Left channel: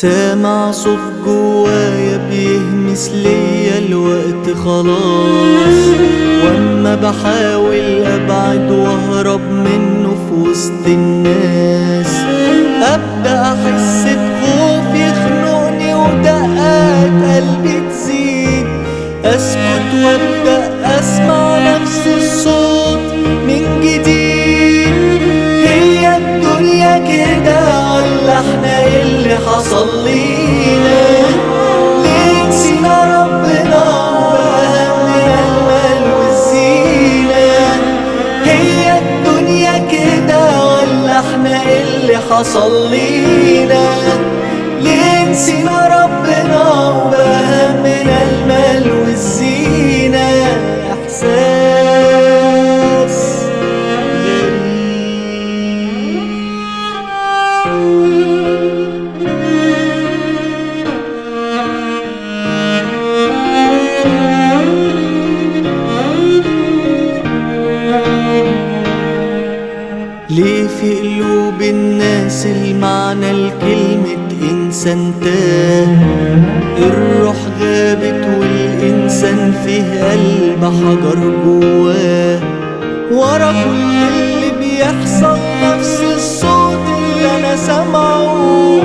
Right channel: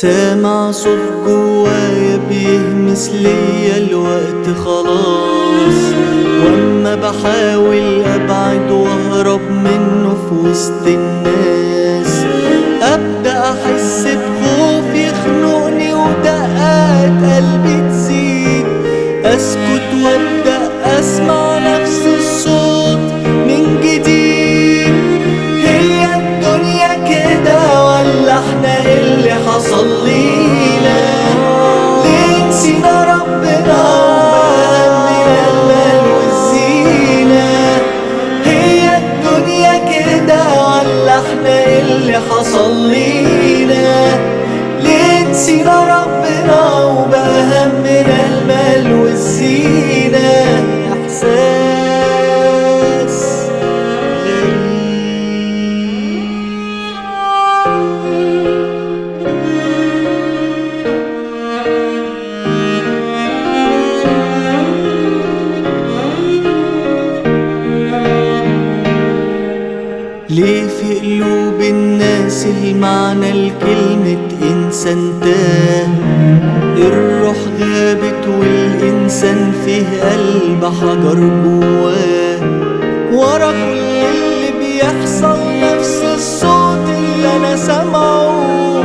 سامع صوت جوايا بيهمس ليا الوقت خلاص، واما بحاول ابعد واهرب منه في وسط الناس ابدا احس بخوف يخنقني ودقات قلبي تزيد، اسكت وابدا اسمع نفس الصوت من جديد. هي الدنيا كده ولا احنا ايه اللي حصل لينا؟ ليه نسينا ربنا وهمنا المال والزينة؟ هي الدنيا كده ولا احنا ايه اللي حصل لينا؟ ليه نسينا ربنا وبهمنا المال والزينة؟ احساس غريب. ليه في قلوب الناس المعنى لكلمة إنسان تاه؟ الروح غابت والإنسان فيه قلب حجر جواه، ورا كل اللي بيحصل نفس الصوت اللي أنا سامعه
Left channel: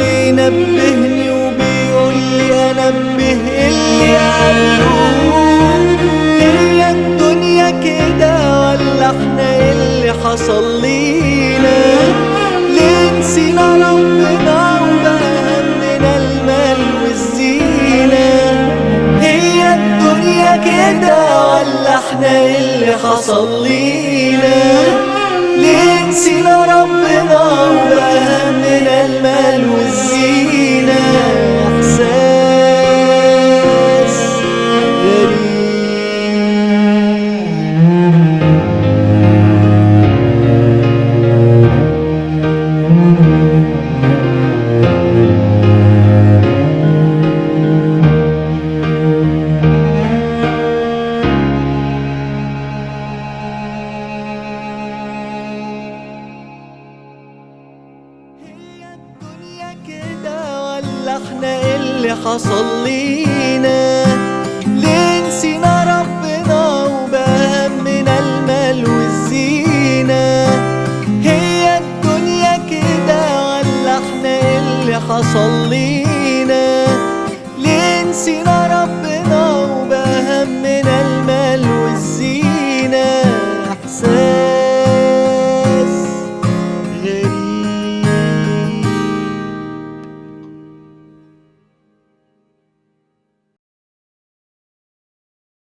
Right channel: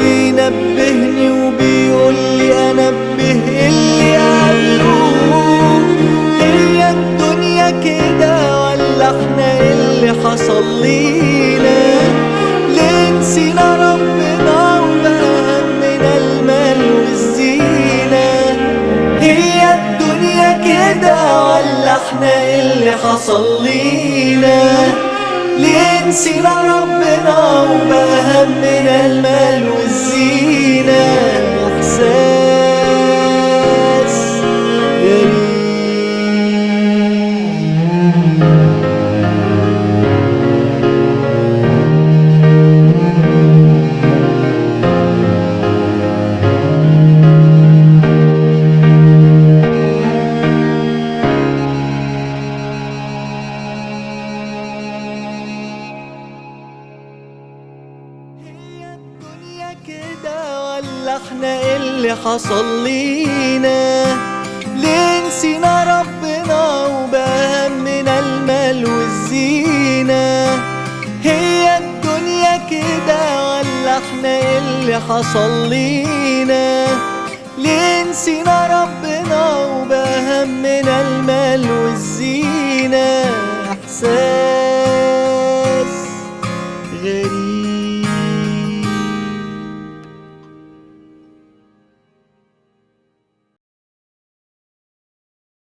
بينبهني وبيقولي أنبه اللي قبله. هي الدنيا كده ولا احنا ايه اللي حصل لينا؟ ليه نسينا ربنا وبهمنا المال والزينة؟ هي الدنيا كده ولا احنا ايه اللي حصل لينا؟ ليه نسينا ربنا وبهمنا المال والزينة؟ احساس غريب. كده ولا احنا ايه اللي حصل لينا؟ ليه نسينا ربنا وبهمنا المال والزينة؟ هي الدنيا كده ولا احنا ايه اللي حصل لينا؟ ليه نسينا ربنا وبهمنا المال والزينة؟ احساس